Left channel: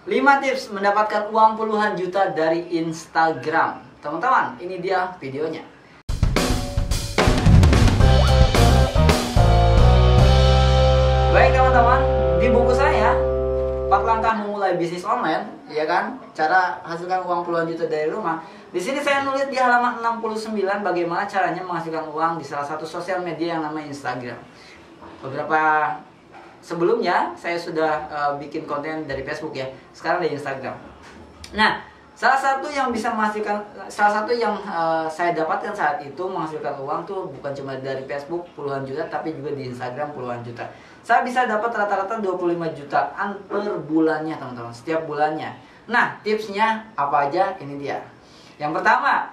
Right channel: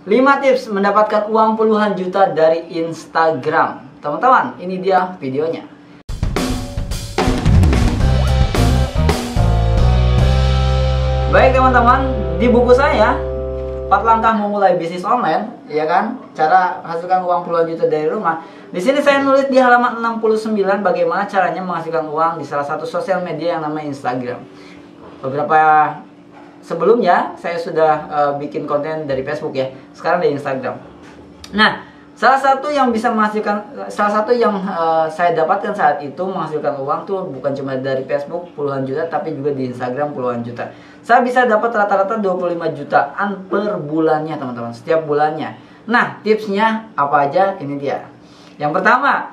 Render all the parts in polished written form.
5 tips mendapatkan uang puluhan juta dari Instagram. Teman-teman, ini dia videonya. Baik teman-teman, di buku saya 4 langkah memulai bisnis online, ya kan? Cara hasilkan uang puluhan juta dari rumah. Di sini saya nulis di halaman 69 bagaimana caranya menghasilkan uang di salah satu sosial media yang namanya Instagram. Beberapa sebelumnya saya sudah bikin konten dari Facebook ya. Sekarang di Instagram. Nah, salah satu yang saya dapatkan saat itu menghasilkan uang tuh bukan cuma dari Facebook puluhan juta, tapi juga di Instagram puluhan juta. Saya bisa dapat rata-rata 25 jutaan per bulannya teman-teman, setiap bulannya. Nah, tipsnya apa aja? Ini dia. Yang pertama,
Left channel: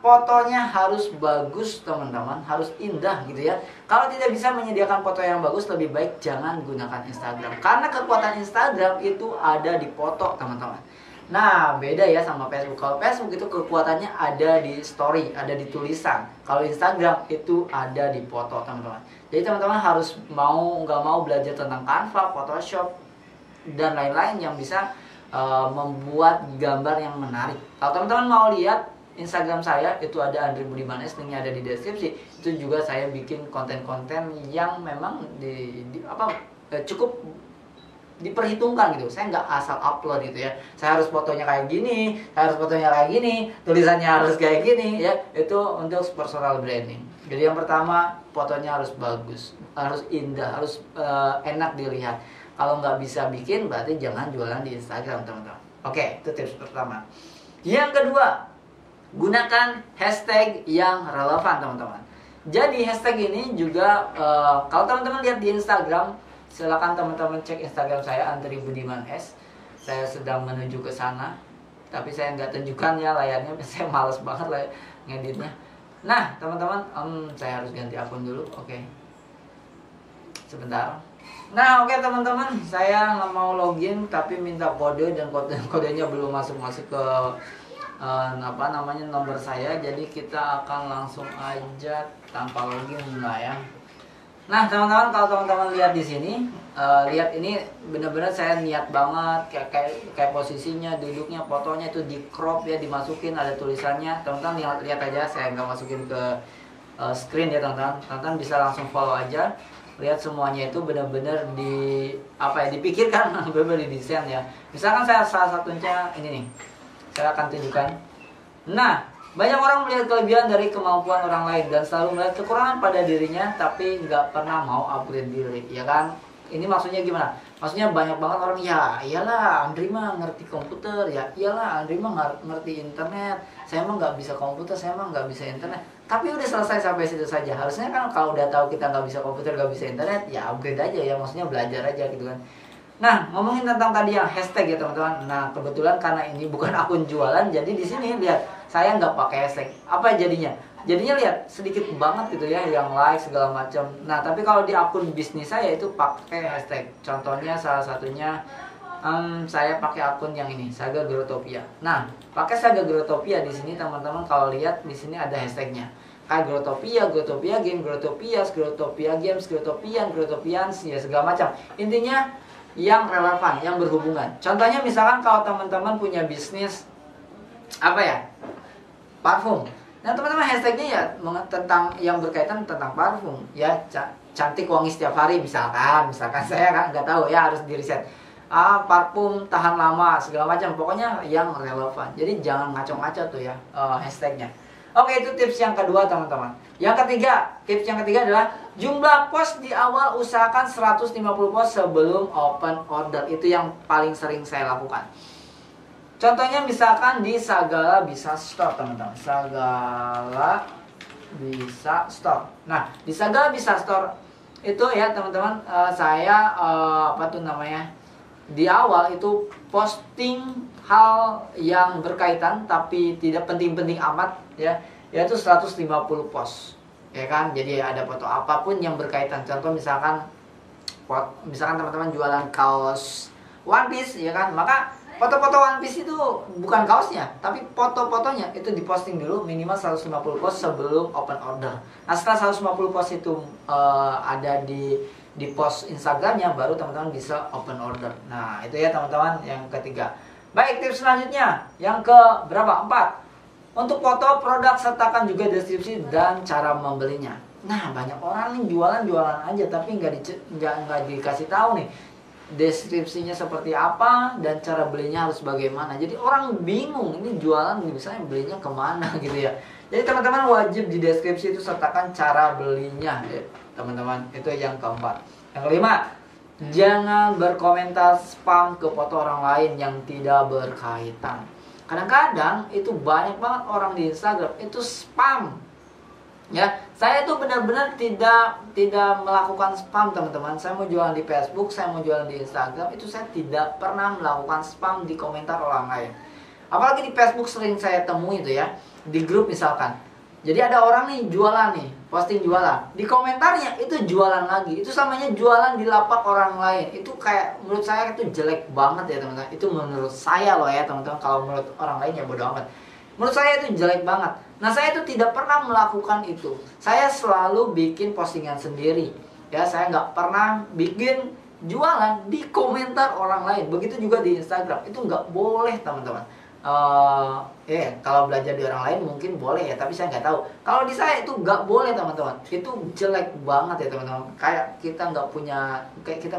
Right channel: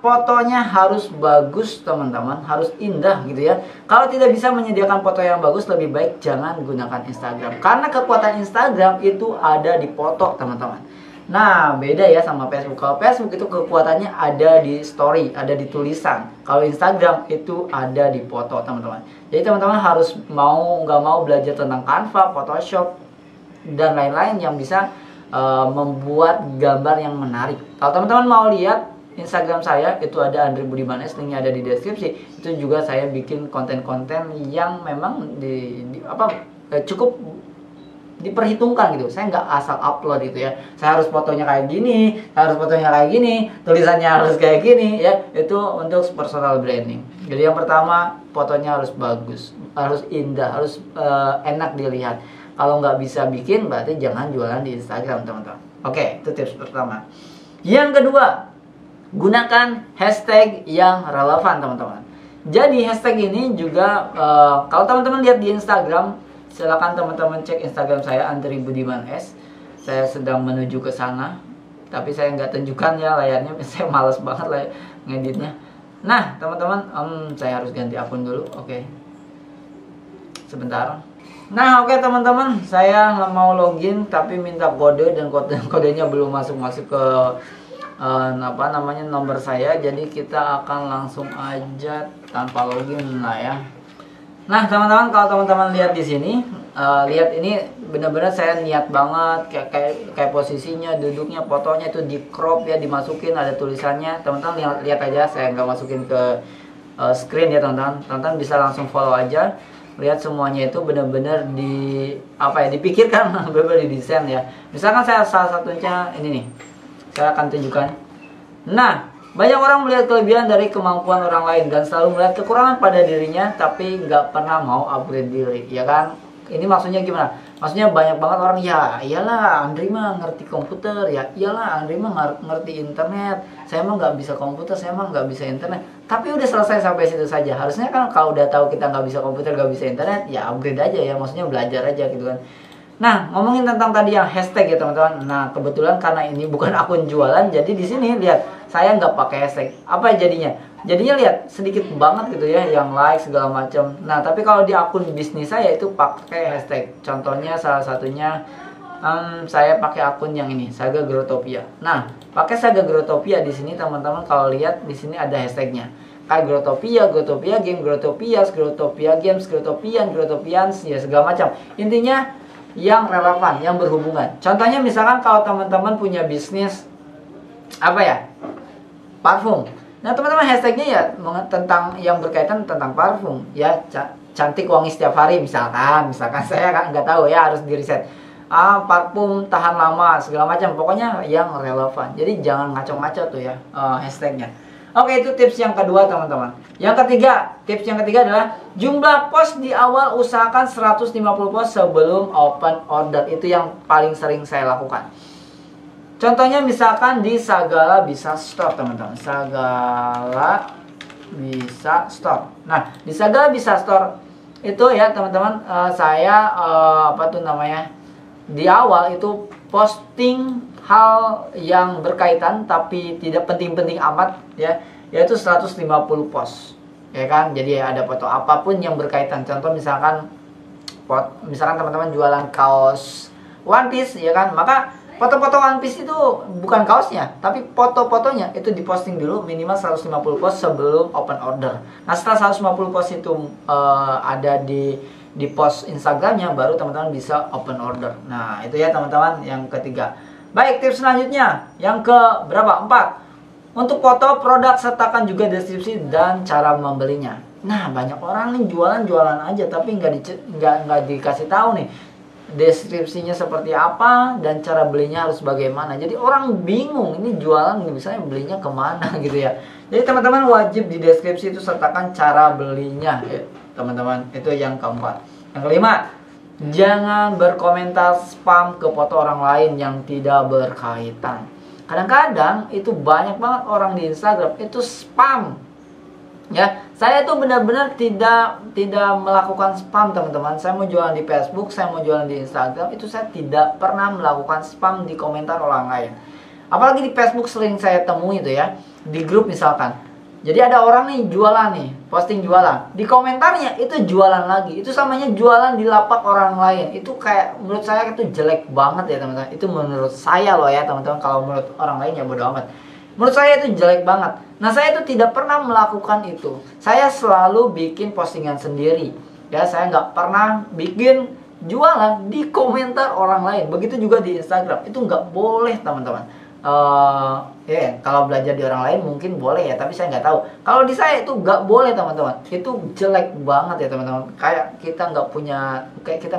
fotonya harus bagus teman-teman, harus indah gitu ya. Kalau tidak bisa menyediakan foto yang bagus, lebih baik jangan gunakan Instagram. Karena kekuatan Instagram itu ada di foto teman-teman. Nah, beda ya sama Facebook. Kalau Facebook itu kekuatannya ada di story, ada di tulisan. Kalau Instagram itu ada di foto, teman-teman. Jadi teman-teman harus nggak mau belajar tentang Canva, Photoshop, dan lain-lain yang bisa membuat gambar yang menarik. Kalau teman-teman mau lihat Instagram saya, itu ada Andre Budiman S, linknya ada di deskripsi. Itu juga saya bikin konten-konten yang memang cukup diperhitungkan gitu. Saya nggak asal upload gitu ya. Saya harus fotonya kayak gini, tulisannya harus kayak gini ya. Itu untuk personal branding. Jadi yang pertama, fotonya harus bagus, harus indah, harus enak dilihat. Kalau nggak bisa bikin, berarti jangan jualan di Instagram teman-teman. Oke, itu tips pertama. Yang kedua, gunakan hashtag yang relevan teman-teman. Jadi hashtag ini juga kalau teman-teman lihat di Instagram, silakan teman-teman cek Instagram saya Andre Budiman S. Saya sedang menuju ke sana, tapi saya nggak tunjukkan ya layarnya. Saya malas banget lah ngeditnya. Nah teman-teman, saya harus ganti akun dulu. Oke, sebentar. Nah oke teman-teman, saya mau login tapi minta kode dan kodenya belum masuk ke nomor saya. Jadi kita akan langsung aja tanpa login lah ya. Nah teman-teman, kalau teman-teman lihat di sini, lihat ini benar-benar saya niat banget kayak posisinya, duduknya, fotonya itu di crop ya, dimasukin ada tulisannya. Teman-teman lihat aja, saya nggak masukin ke screen ya teman-teman. Teman-teman bisa langsung follow aja. Lihat semuanya itu benar-benar dipikirkan, benar-benar didesain ya. Misalkan saya salah satunya ini nih, saya akan tunjukkan. Nah, banyak orang melihat kelebihan dari kemampuan orang lain dan selalu melihat kekurangan pada dirinya, tapi nggak pernah mau upgrade diri, ya kan? Ini maksudnya gimana? Maksudnya banyak banget orang, ya iyalah Andri mah ngerti komputer, ya iyalah Andri mah ngerti internet, saya mah nggak bisa komputer, saya mah nggak bisa internet. Tapi udah selesai sampai situ saja. Harusnya kan kalau udah tahu kita nggak bisa komputer, nggak bisa internet, ya upgrade aja ya, maksudnya belajar aja gitu kan. Nah, ngomongin tentang tadi yang hashtag ya teman-teman. Nah, kebetulan karena ini bukan akun jualan, jadi di sini lihat saya nggak pakai hashtag. Apa jadinya? Jadinya lihat sedikit banget gitu ya, yang like segala macam. Nah, tapi kalau di akun bisnis saya itu pakai hashtag. Contohnya salah satunya saya pakai akun yang ini, Saga Growtopia. Nah, pakai Saga Growtopia di sini teman-teman, kalau lihat di sini ada hashtagnya. Kayak Growtopia Game, Growtopia Games, Growtopians, ya segala macam. Intinya yang relevan, yang berhubungan. Contohnya misalkan kalau teman-teman punya bisnis parfum. Nah teman-teman, hashtagnya ya tentang yang berkaitan tentang parfum ya, cantik wangi setiap hari misalkan saya kan nggak tahu ya, harus di riset. Parfum tahan lama segala macam, pokoknya yang relevan. Jadi jangan ngaco-ngaco tuh ya hashtagnya. Oke, itu tips yang kedua teman-teman. Tips yang ketiga adalah jumlah post di awal, usahakan 150 post sebelum open order. Itu yang paling sering saya lakukan. Contohnya misalkan di Sagala Bisa Store teman-teman. Sagala Bisa Store. Nah, di Sagala Bisa Store itu ya teman-teman, saya di awal itu posting hal yang berkaitan tapi tidak penting-penting amat ya, yaitu 150 post ya kan. Jadi ada foto apapun yang berkaitan. Contoh misalkan teman-teman jualan kaos One Piece ya kan, maka foto-foto One Piece itu bukan kaosnya, tapi foto-fotonya itu diposting dulu minimal 150 post sebelum open order. Nah setelah 150 post itu ada di di post Instagramnya, baru teman-teman bisa open order. Nah itu ya teman-teman yang ketiga. Baik, tips selanjutnya yang ke berapa? 4. Untuk foto produk sertakan juga deskripsi dan cara membelinya. Nah banyak orang nih jualan aja tapi nggak dikasih tahu nih deskripsinya seperti apa dan cara belinya harus bagaimana. Jadi orang bingung ini jualan misalnya belinya kemana gitu ya. Jadi teman-teman wajib di deskripsi itu sertakan cara belinya ya, teman-teman. Itu yang keempat. Yang kelima, jangan berkomentar spam ke foto orang lain yang tidak berkaitan. Kadang-kadang itu banyak banget orang di Instagram itu spam. Ya, saya tuh benar-benar tidak melakukan spam teman-teman. Saya mau jualan di Facebook, saya mau jualan di Instagram, itu saya tidak pernah melakukan spam di komentar orang lain. Apalagi di Facebook sering saya temui itu ya, di grup misalkan. Jadi ada orang nih jualan nih, posting jualan, di komentarnya itu jualan lagi. Itu samanya jualan di lapak orang lain. Itu kayak menurut saya itu jelek banget ya teman-teman. Itu menurut saya loh ya teman-teman. Kalau menurut orang lain ya bodo amat. Menurut saya itu jelek banget. Nah saya itu tidak pernah melakukan itu. Saya selalu bikin postingan sendiri. Ya saya nggak pernah bikin jualan di komentar orang lain. Begitu juga di Instagram. Itu nggak boleh teman-teman. Kalau belajar di orang lain mungkin boleh ya. Tapi saya nggak tahu. Kalau di saya itu nggak boleh teman-teman. Itu jelek banget ya teman-teman. Kayak kita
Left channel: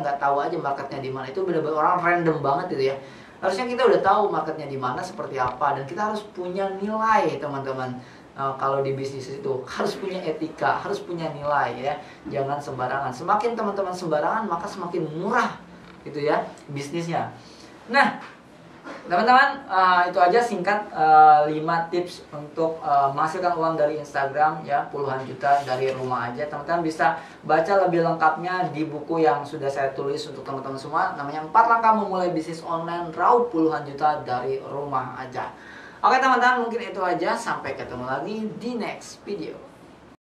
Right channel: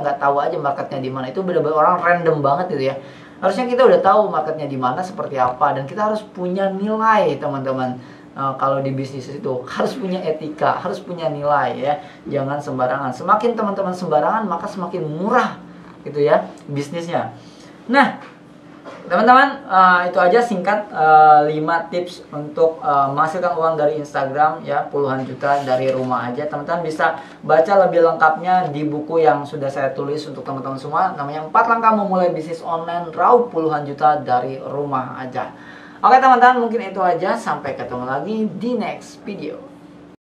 nggak tahu aja marketnya di mana. Itu benar-benar orang random banget gitu ya. Harusnya kita udah tahu marketnya di mana seperti apa, dan kita harus punya nilai teman-teman. Kalau di bisnis itu harus punya etika, harus punya nilai ya. Jangan sembarangan. Semakin teman-teman sembarangan maka semakin murah gitu ya bisnisnya. Nah teman-teman, itu aja singkat 5 tips untuk menghasilkan uang dari Instagram ya, puluhan juta dari rumah aja. Teman-teman bisa baca lebih lengkapnya di buku yang sudah saya tulis untuk teman-teman semua, namanya 4 langkah memulai bisnis online raup puluhan juta dari rumah aja. Oke teman-teman, mungkin itu aja, sampai ketemu lagi di next video.